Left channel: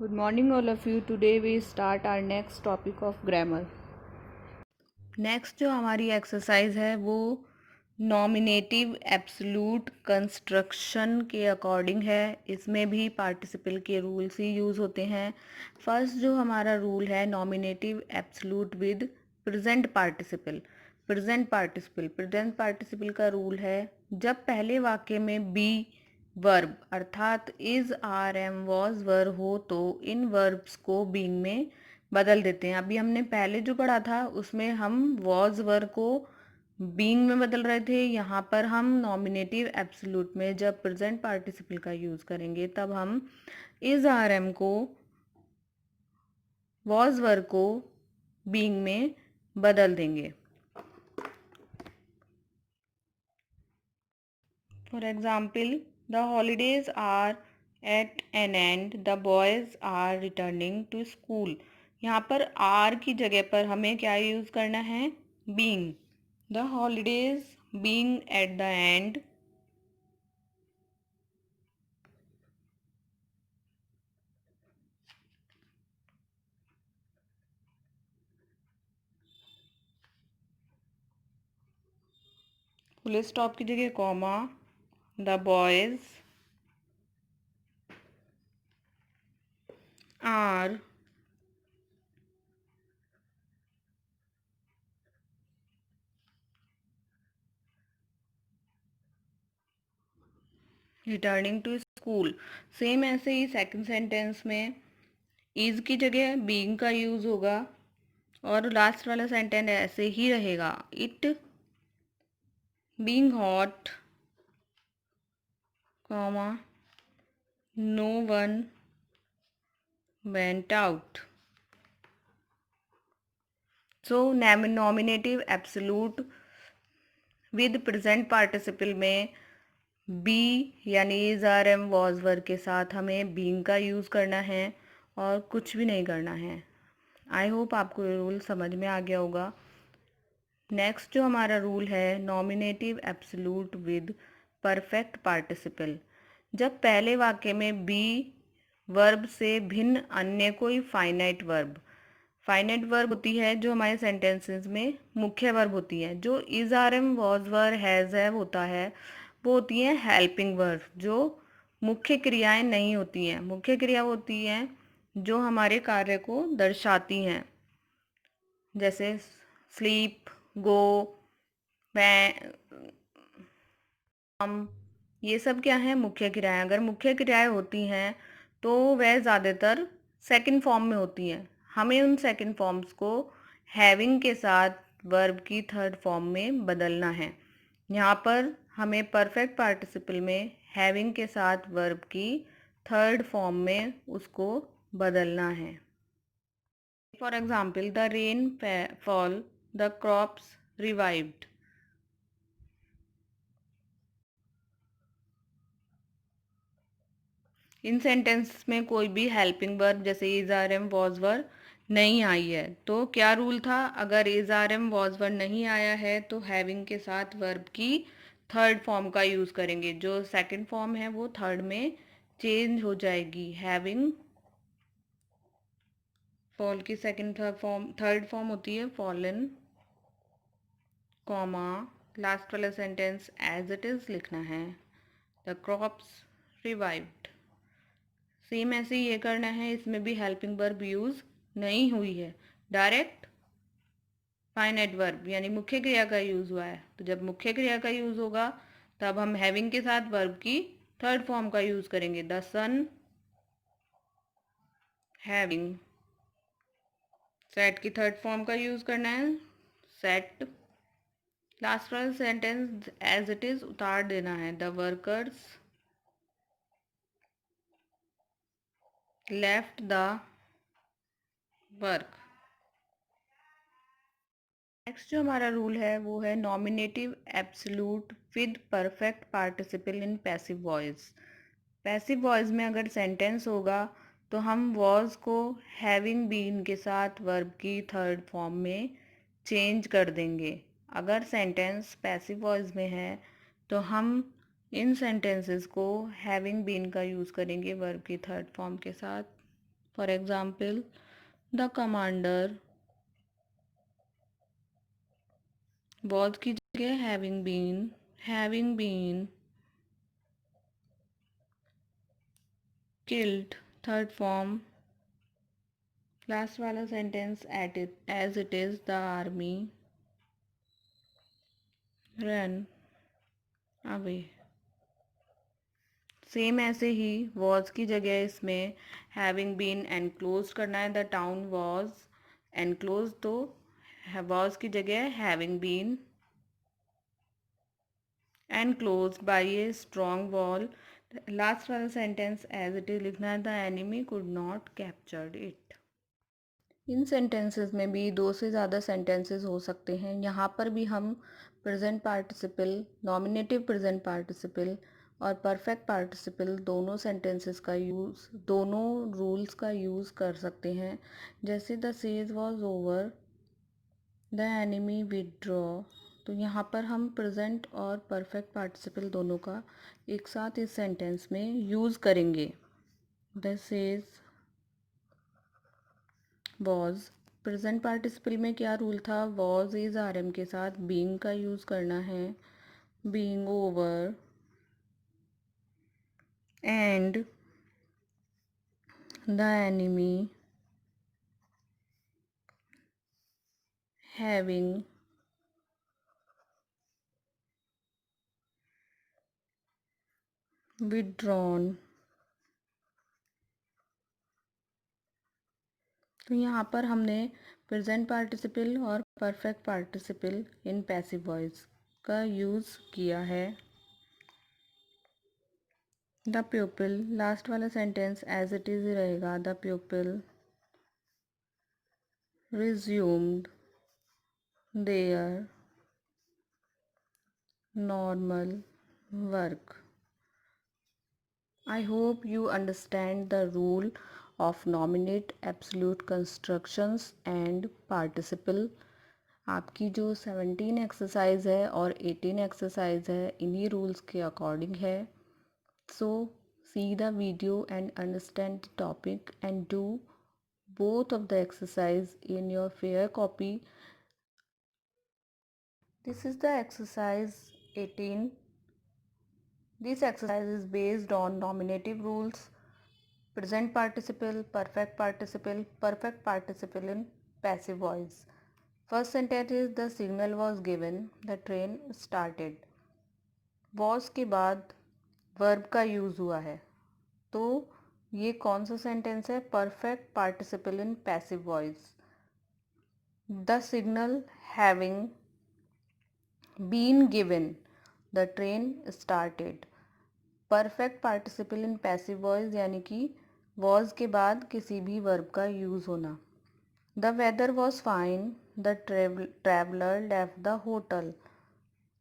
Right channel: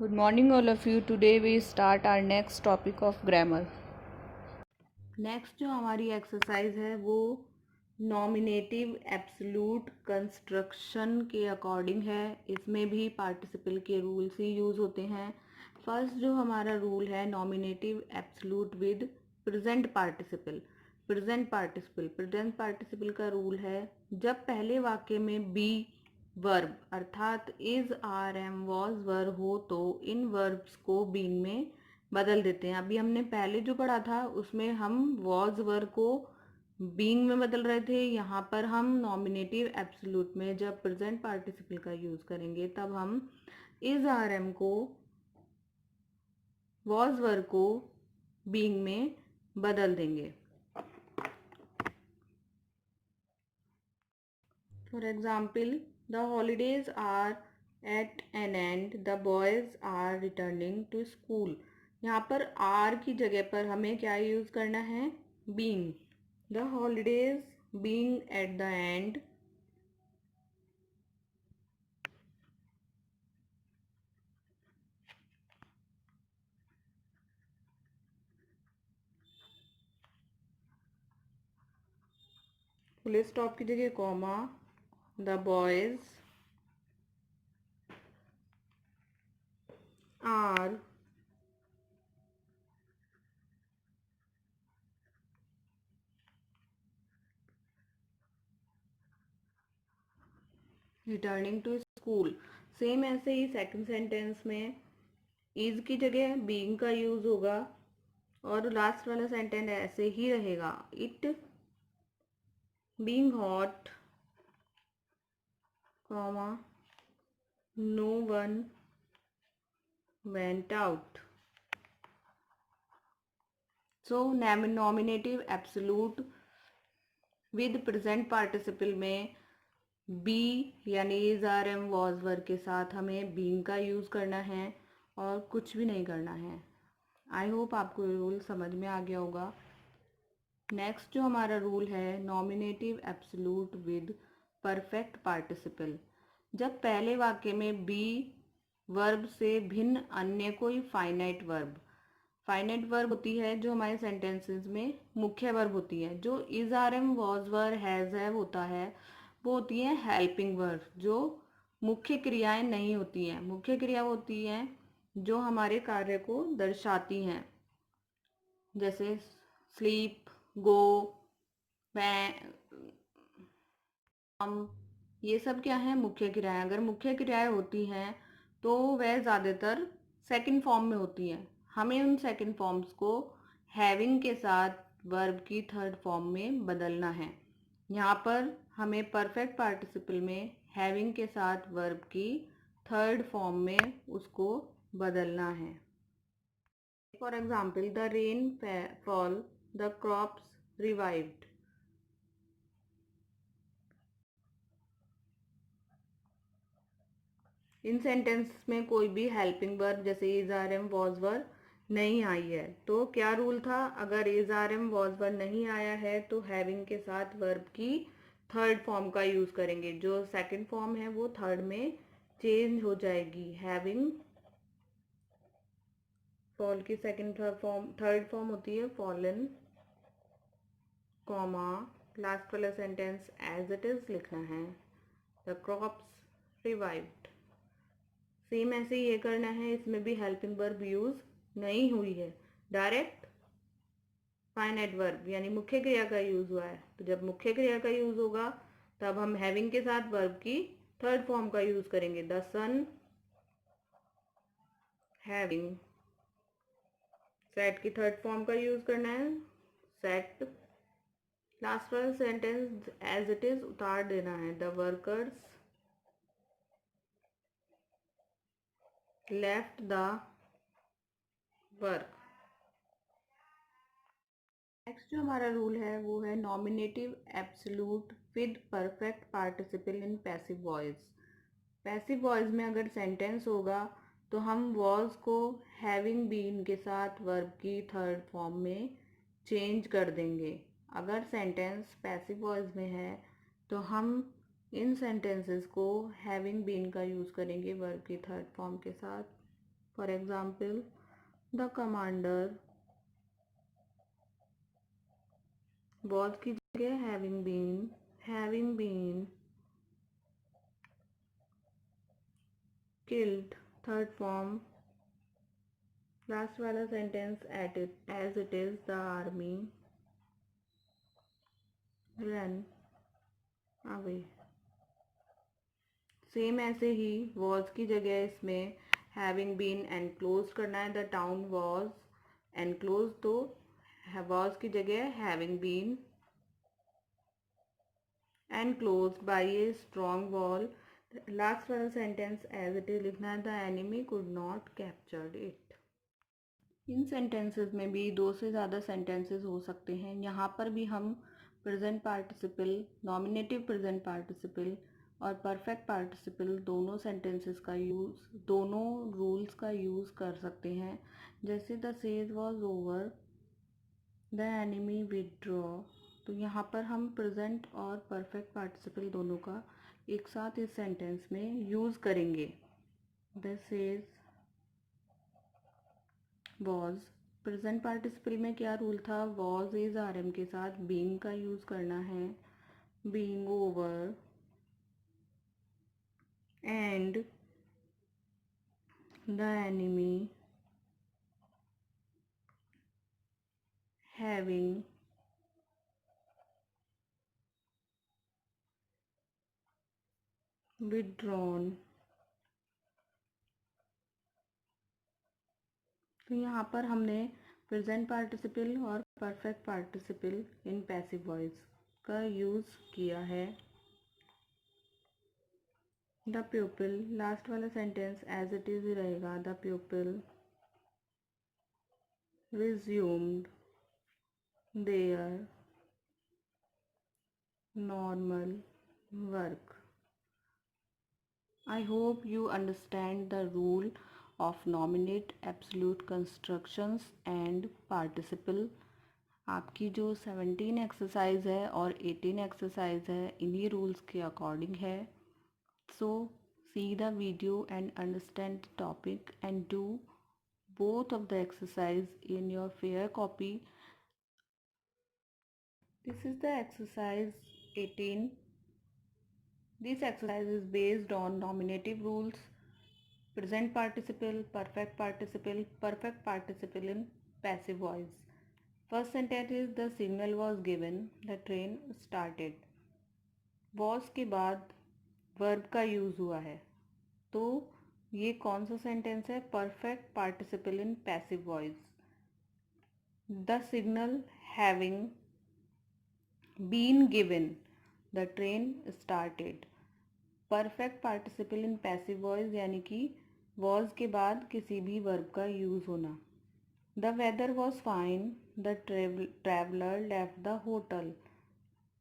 Good morning, all of you. Today we start our next topic of grammar. Next जो हमारी exercise है वो nominative absolute construction के according है। इसमें भी पार्टिसिपल के रूल्स ही यूज़ होते हैं। फर्स्ट जो हमारा रूल है nominative absolute with present participle. Present participle का रूल है जब पहले वाक्य में बी वर्ब अर्थात is are am was verb हो तो इन वर्ब्स को बीइंग में बदल देते हैं। अभी हमने पहले जो पढ़ा था उसमें हम वॉज वर्ब को बीइंग में बदल रहे थे। यहाँ पर हम नॉमिनेटिव एब्सोल्यूट में जब प्रेजेंट पार्टिसिपल का यूज़ करेंगे तब हम इज आर एम को वॉज वर्ब को बीइंग में बदल देंगे। For example, the holidays are at an end. The boys are returning to school. यहाँ पर are की जगह पर हमें क्या यूज़ करना है? being. The holidays being at the end. Full stop की जगह comma. The boys are returning to school. Same ऐसे ही सेकंड सेंटेंस में इज की जगह बीइंग का यूज़ होगा और लास्ट वाला सेंटेंस ऐसे ही रहेगा। It being hot comma no one went out. So nominative absolute with present participle में बी यानी is are am was verb के साथ हमें बीइंग का यूज़ करना है और कुछ भी नहीं करना है। आई होप आपको ये रूल समझ में आ गया होगा। नेक्स्ट जो हमारा रूल है nominative absolute with perfect participle. जब पहले वाक्य में बी वर्ब से भिन्न अन्य कोई फाइनाइट वर्ब होती है जो हमारे सेंटेंसेस में मुख्य वर्ब होती है। जो is are am was verb has have होता है वो होती है हेल्पिंग वर्ब जो मुख्य क्रियाएं नहीं होती हैं। मुख्य क्रिया होती हैं जो हमारे कार्य को दर्शाती हैं, जैसे स्लीप, गो, हम, ये सब क्या है मुख्य क्रियाएं। अगर मुख्य क्रियाएं होती हैं तो वह ज़्यादातर सेकंड फॉर्म में होती हैं। हमें उन सेकंड फॉर्म्स को हैविंग के साथ वर्ब की थर्ड फॉर्म में बदलना है। यहाँ पर हमें परफेक्ट पार्टिसिपल में हैविंग के साथ वर्ब की थर्ड फॉर्म में उसको बदलना है। For example the rain fall, the crops revived. इन सेंटेंस में कोई भी हेल्पिंग वर्ब जैसे is are am was verb नहीं आई है तो क्या रूल था? अगर is are am was verb नहीं आया है तो हैविंग के साथ वर्ब की थर्ड फॉर्म का यूज़ करेंगे। जो सेकंड फॉर्म है वो थर्ड में चेंज हो जाएगी। हैविंग फॉल की सेकंड थर्ड फॉर्म होती है फॉलन, कॉमा लास्ट वाला सेंटेंस एज इट इज़ लिखना है। The crops revived. सेम ऐसे ही ये करना है, इसमें भी हेल्पिंग वर्ब यूज़ नहीं हुई है, डायरेक्ट फाइनाइट वर्ब यानी मुख्य क्रिया का यूज़ हुआ है। तो जब मुख्य क्रिया का यूज़ होगा तब हम हैविंग के साथ वर्ब की थर्ड फॉर्म का यूज़ करेंगे। The sun having. सेट की थर्ड फॉर्म का यूज़ करना है सेट। लास्ट वाला सेंटेंस एज इट इज़ उतार देना है। The workers left the work. Next जो हमारा रूल है वो है nominative absolute with perfect participle in passive voice. Passive voice में अगर सेंटेंस होगा तो हम वॉज को हैविंग बीन के साथ वर्ब की थर्ड फॉर्म में चेंज कर देंगे। अगर सेंटेंस पैसिव वॉइस में है तो हम इन सेंटेंसेस को हैविंग बीन का यूज़ करेंगे वर्ब की थर्ड फॉर्म के साथ। For example, the commander was की जगह having been killed. Third form, last वाला sentence as it is the army run away. Same ऐसे ही वॉज की जगह इसमें हैविंग बीन एनक्लोज करना है। द टाउन वॉज एनक्लोज, तो वॉज की जगह having been enclose by a strong wall. Last वाला सेंटेंस एज इट इज लिखना है। The enemy could not captured it. इन सेंटेंसेस में भी दो से ज़्यादा सेंटेंसेस हो सकते हैं। यहाँ पर भी हम present participle, nominative present participle और परफेक्ट पार्टिसिपल दोनों सेंटेंसेस का यूज़, दोनों रूल्स का यूज़ कर सकते हैं। जैसे the sage was over, the enemy withdraw, तो यहाँ पर हम प्रेजेंट और परफेक्ट पार्टिसिपल दोनों का एक साथ इस सेंटेंस में यूज़ करेंगे। The sage was, present participle में क्या रूल था? वॉज इज आरएम के साथ बीइंग का यूज़ करना है। Being over and the enemy having withdrawn. तो यहाँ पर हमने प्रेजेंट पार्टिसिपल और perfect participle in passive voice का यूज़ किया है। द प्यूपिल, लास्ट वाला सेंटेंस एज इट इज रहेगा। The प्यूपिल resumed there normal work. I hope you understand the rule of nominate, absolute constructions and participle। आपकी जो 17 exercise है और 18 एक्सरसाइज है इन्हीं रूल्स के अकॉर्डिंग है। So see the video and understand the topic and do both of the exercise in your fair copy। This is the exercise 18। This exercise is based on nominative rules, present participle, perfect participle in passive voice। First sentence is the signal was given, the train started। was के बाद verb का use हुआ है, तो ये कौन सा sentence है? perfect participle in passive voice। The signal having been given, the train started। Perfect participle in passive voice यानी कि वॉज के बाद किसी भी वर्ब का यूज़ होना। The weather was fine, the traveller left the hotel.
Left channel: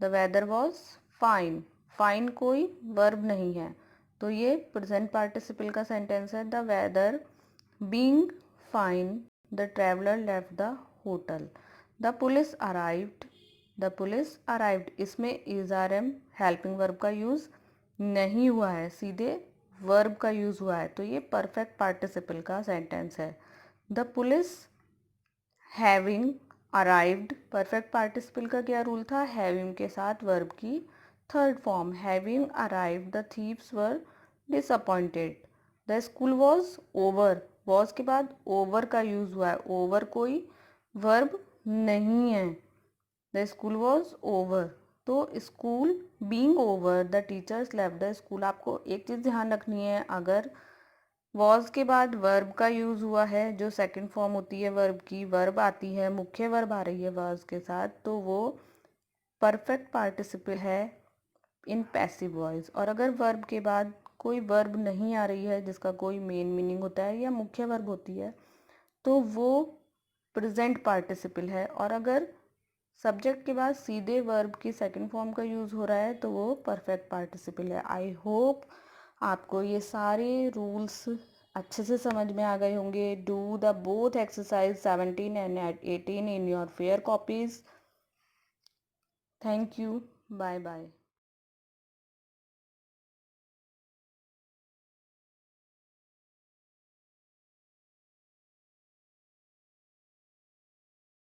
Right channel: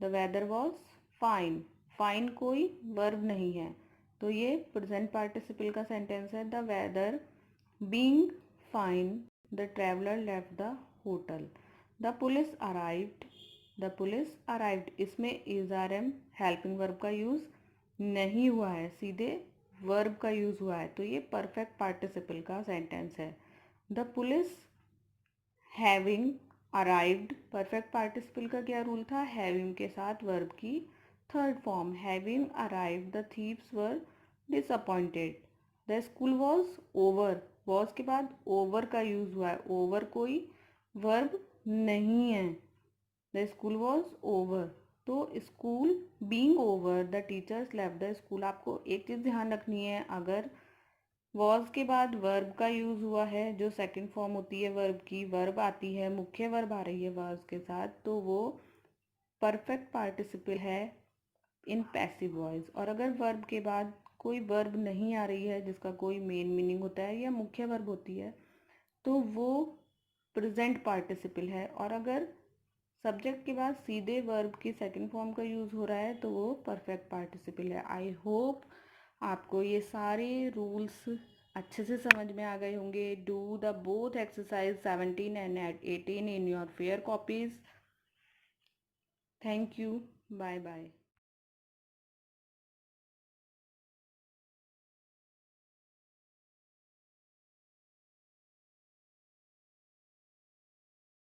The weather was fine, fine कोई verb नहीं है, तो ये प्रेजेंट पार्टिसिपल का सेंटेंस है। The weather being fine, the traveller left the hotel. The police arrived, the police arrived, इसमें is are am helping verb का use नहीं हुआ है, सीधे वर्ब का यूज़ हुआ है, तो ये परफेक्ट पार्टिसिपल का सेंटेंस है। The police having arrived, perfect participle का क्या रूल था? हैविंग के साथ वर्ब की third form. Having arrived the thieves were disappointed. The school was over, was के बाद ओवर का यूज़ हुआ है, ओवर कोई वर्ब नहीं है। द स्कूल वॉज ओवर, तो school being over, the teachers left the school. आपको एक चीज़ ध्यान रखनी है, अगर वॉज के बाद वर्ब का यूज़ हुआ है, जो सेकंड फॉर्म होती है वर्ब की, वर्ब आती है, मुख्य वर्ब आ रही है वॉज के साथ, तो वो परफेक्ट पार्टिसिपल है इन पैसिव वॉइस। और अगर वर्ब के बाद कोई वर्ब नहीं आ रही है जिसका कोई मेन मीनिंग होता है या मुख्य वर्ब होती है, तो वो प्रेजेंट पार्टिसिपल है। और अगर सब्जेक्ट के बाद सीधे वर्ब की सेकंड फॉर्म का यूज़ हो रहा है तो वो परफेक्ट पार्टिसिपल है। आई होप आपको ये सारे रूल्स अच्छे से समझ में आ गए होंगे। Do the both exercise 17 and 18 in your fair copies. Thank you, bye bye.